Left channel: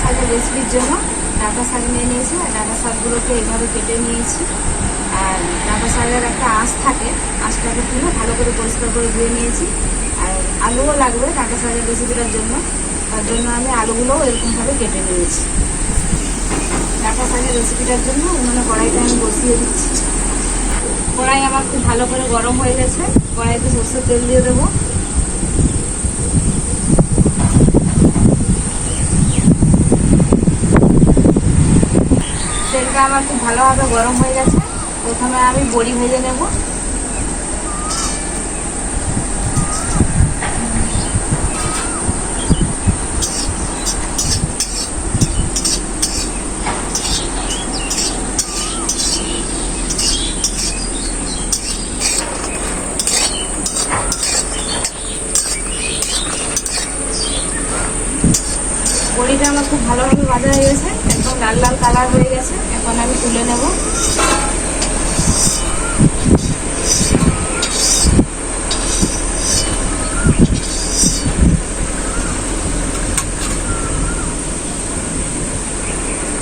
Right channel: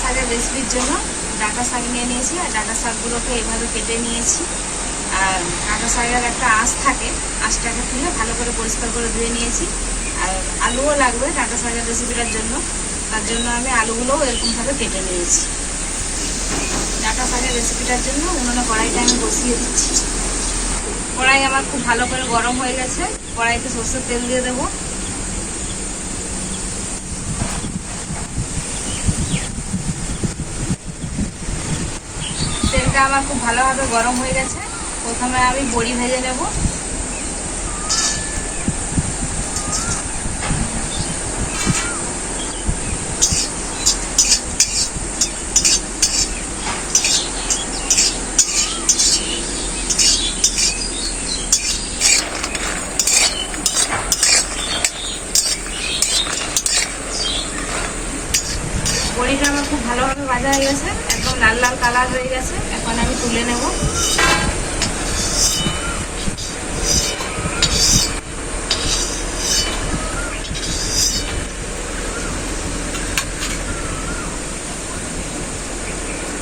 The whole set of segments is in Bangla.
শাকের রেসিপির জন্য ডাঁটা শাক নিয়ে নিয়েছি। আর ডাঁটা শাকগুলোকে এইভাবে কেটে নিয়েছি। আর ডাঁটা শাকের একটা আঁশ থাকে, আঁশটাকে তুলে ভালো করে পরিষ্কার করে ধুয়ে নিয়েছি। আর আলুও লাগবে ডাঁটা শাকের রেসিপিটার জন্য, তার জন্য আমি আলুগুলোও এরকমভাবে কেটে নিয়েছি। ডাঁটা শাকের রেসিপিটার জন্য উনুনে কড়াইটা আমি বসিয়ে দিচ্ছি। কড়াই আমার খুব ভালো করে গরম হয়ে গেছে। কড়াইতে সরষের তেল দিয়ে দেবো। তেলটা আমার খুব ভালোভাবে গরম হয়ে গেছে। প্রথমে আমি বড়ি ভেজে নেব। বড়িটা আমার খুব ভালোভাবে ভাজা হয়ে গেছে, একদম লাল লাল কালার হয়ে গেছে। এখন আমি তুলে নেব।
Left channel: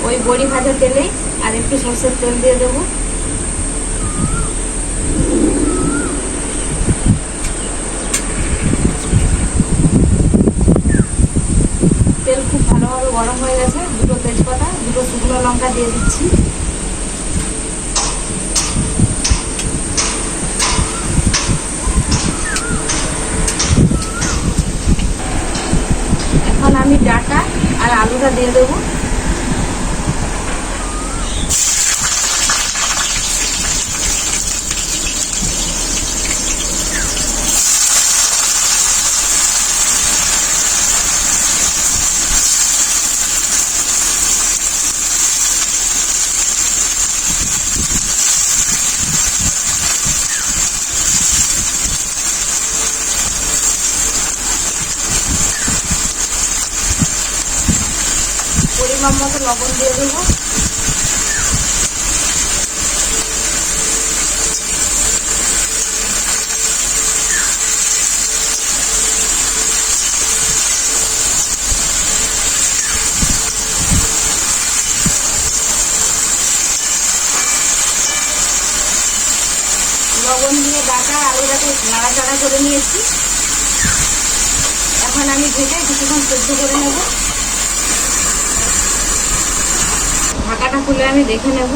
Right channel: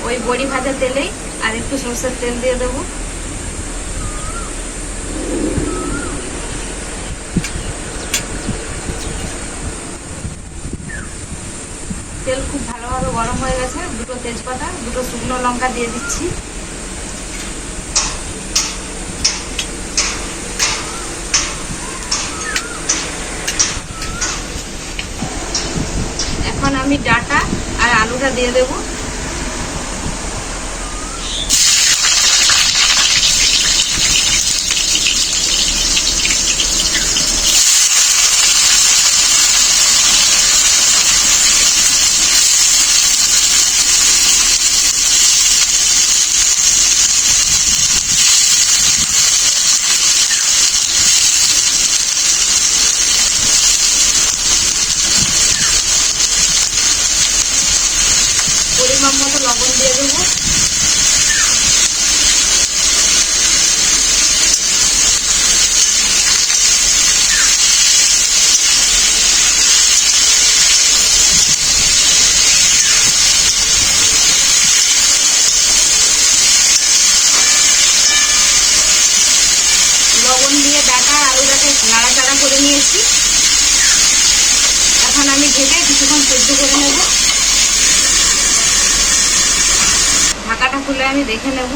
ওই বড়ি ভাজা তেলেই আর একটু সরষের তেল দিয়ে দেবো। তেল খুব ভালোভাবে গরম হয়ে গেছে। দুটো তেজপাতা, দুটো শুকনো লঙ্কা দিয়ে দিচ্ছি। এখন আমি ডাঁটা আর আলুটা দিয়ে দেব। পরিমাণ মতো লবণ দিয়ে দেবো। লবণ দিয়ে ডাঁটা আলুটাকে নাড়াচাড়া করে নিয়েছি। এখন আমি ঢেকে কিছুক্ষণ সেদ্ধ করে নেব। ঢাকাটা খুলে আমি দেখে নেব।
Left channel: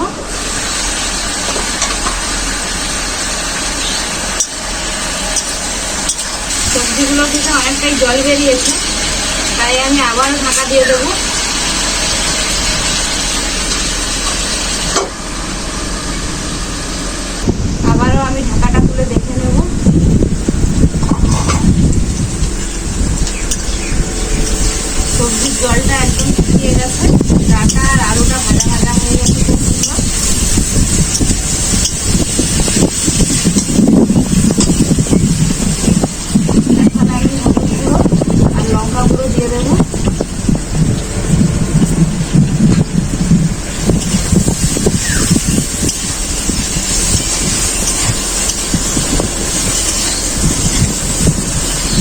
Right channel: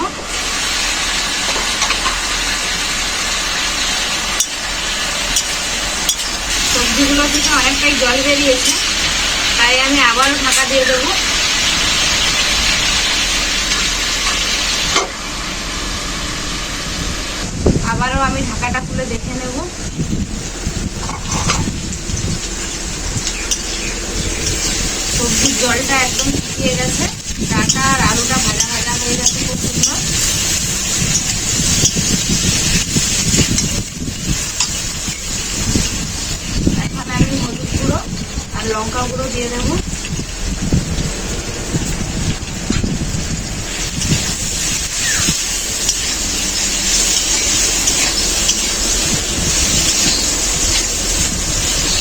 সবজিগুলো থেকে অনেকটাই জল বেরিয়েছে, তাই আমি আবারও ঢাকা দিয়ে দেব। আবারও আমি ঢাকাটা খুলে দেখে নেব। সবজির জলটা একদম শুকিয়ে গেছে। ডাঁটা আর আলুটা ভাজা ভাজা হয়ে গেছে খুব সুন্দর। এখন আমি হলুদ গুঁড়ো আর লঙ্কা গুঁড়ো দিয়ে দেবো।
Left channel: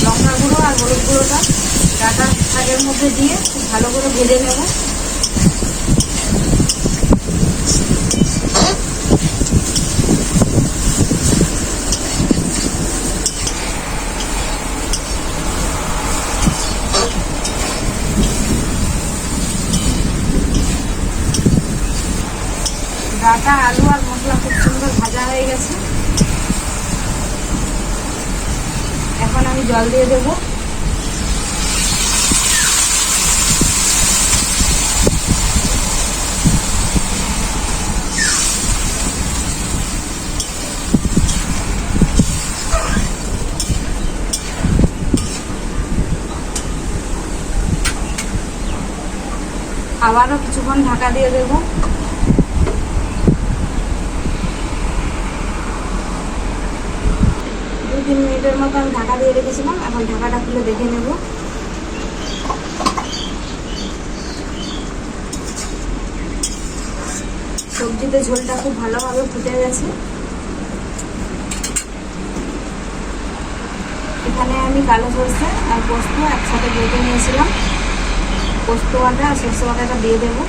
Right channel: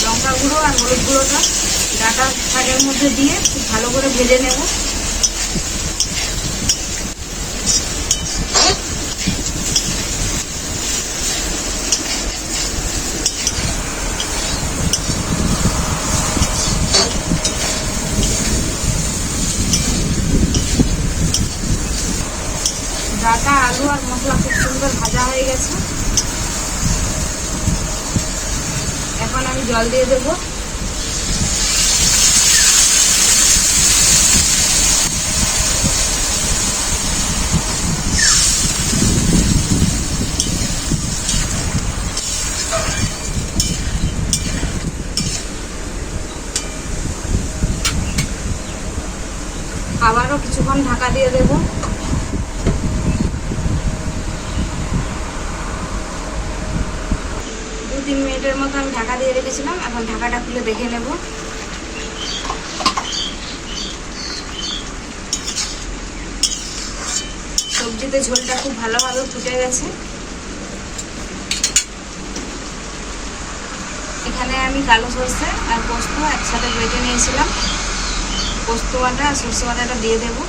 লঙ্কা গুঁড়ো আর হলুদ গুঁড়োটা ডাঁটা শাকের মধ্যে দিয়ে খুব ভালো করে ভেজে নেব। ডাঁটা আলু আর মশলা খুব সুন্দর ভাজা হয়ে গেছে। এখন আমি জল দিয়ে দেবো। আবারও কিছুক্ষণ ঢাকা দিয়ে দেবো। 2-3 মিনিটের মতো আমি ঢাকা দিয়ে রেখেছিলাম। এখন ঢাকাটা খুলে দেখে নেব। সবজিতে ঝোলটা খুব ভালোভাবে ফুটে গেছে। এখানে আমি কালো সরষে আর পোস্ত একসাথে বেটে নিয়েছিলাম। পোস্ত বাটা আর সরষে বাটাটা দিয়ে দেবো।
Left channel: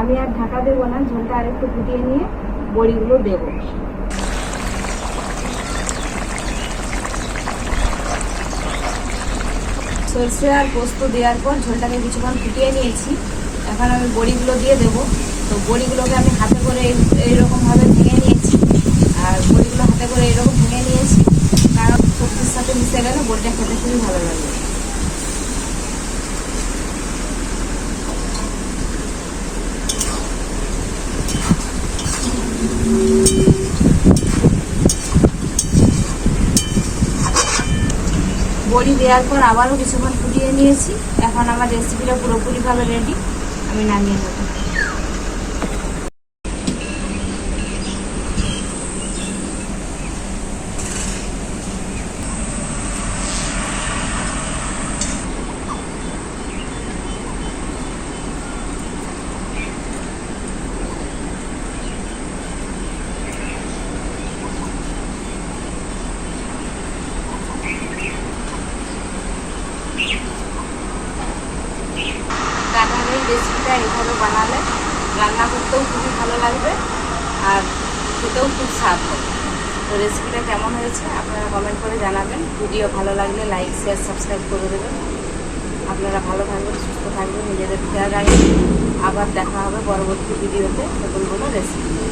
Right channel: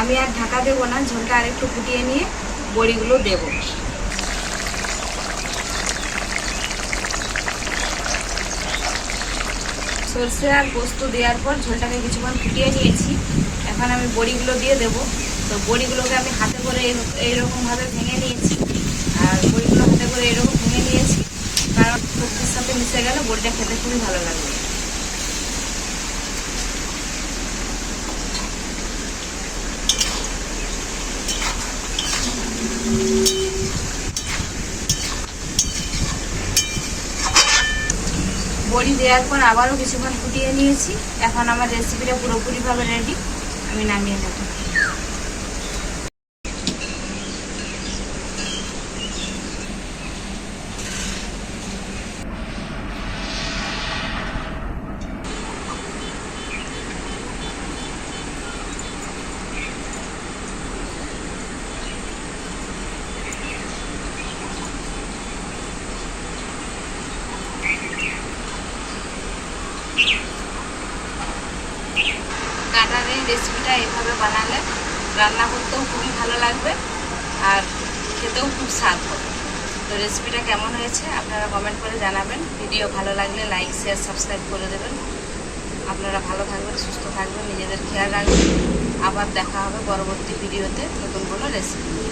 আমি আর ঢাকা দেবো না, ঝোলটা আর একটু ফুটিয়ে নিয়ে বড়িগুলো দেব। সরষে আর পোস্ত দেওয়ার পর ঝোলটাকে কিছুক্ষণ ফুটিয়ে নিয়েছি। এখন আমি বড়িগুলো দিয়ে দেব। তো বড়িগুলোকে আমি হাতে করে এইরকমভাবে ভেঙে নিয়েছি, আর বড়িগুলো হাতে করে এইরকম ভেঙে নিয়েছি, কারণ সবজির সাথে মিশে গেলে বড়িটা খেতে খুবই ভালো লাগবে। বড়ি দেওয়ার পর আবারও কিছুক্ষণ ফুটিয়ে নিয়েছি। এখন আমার রেসিপিটা পুরোপুরিভাবে রেডি, আমি নামিয়ে নেব। কাঁঠাল এই রেসিপিটা এভাবে বানালে রান্না করতেও খুবই ভালো লাগবে আর খেতেও খুব স্বাদ হবে। তো রেসিপিটা কেমন হয়েছে আপনারা কমেন্ট করে জানাবেন। ভিডিও ভালো লাগলে লাইক শেয়ার সাবস্ক্রাইব করে দেবেন। আপনারা ভালো থাকবেন, সুস্থ থাকবেন, নিজেদের খেয়াল রাখবেন। আবার দেখা হবে পরবর্তী ভিডিওতে নতুন কোনো রেসিপি।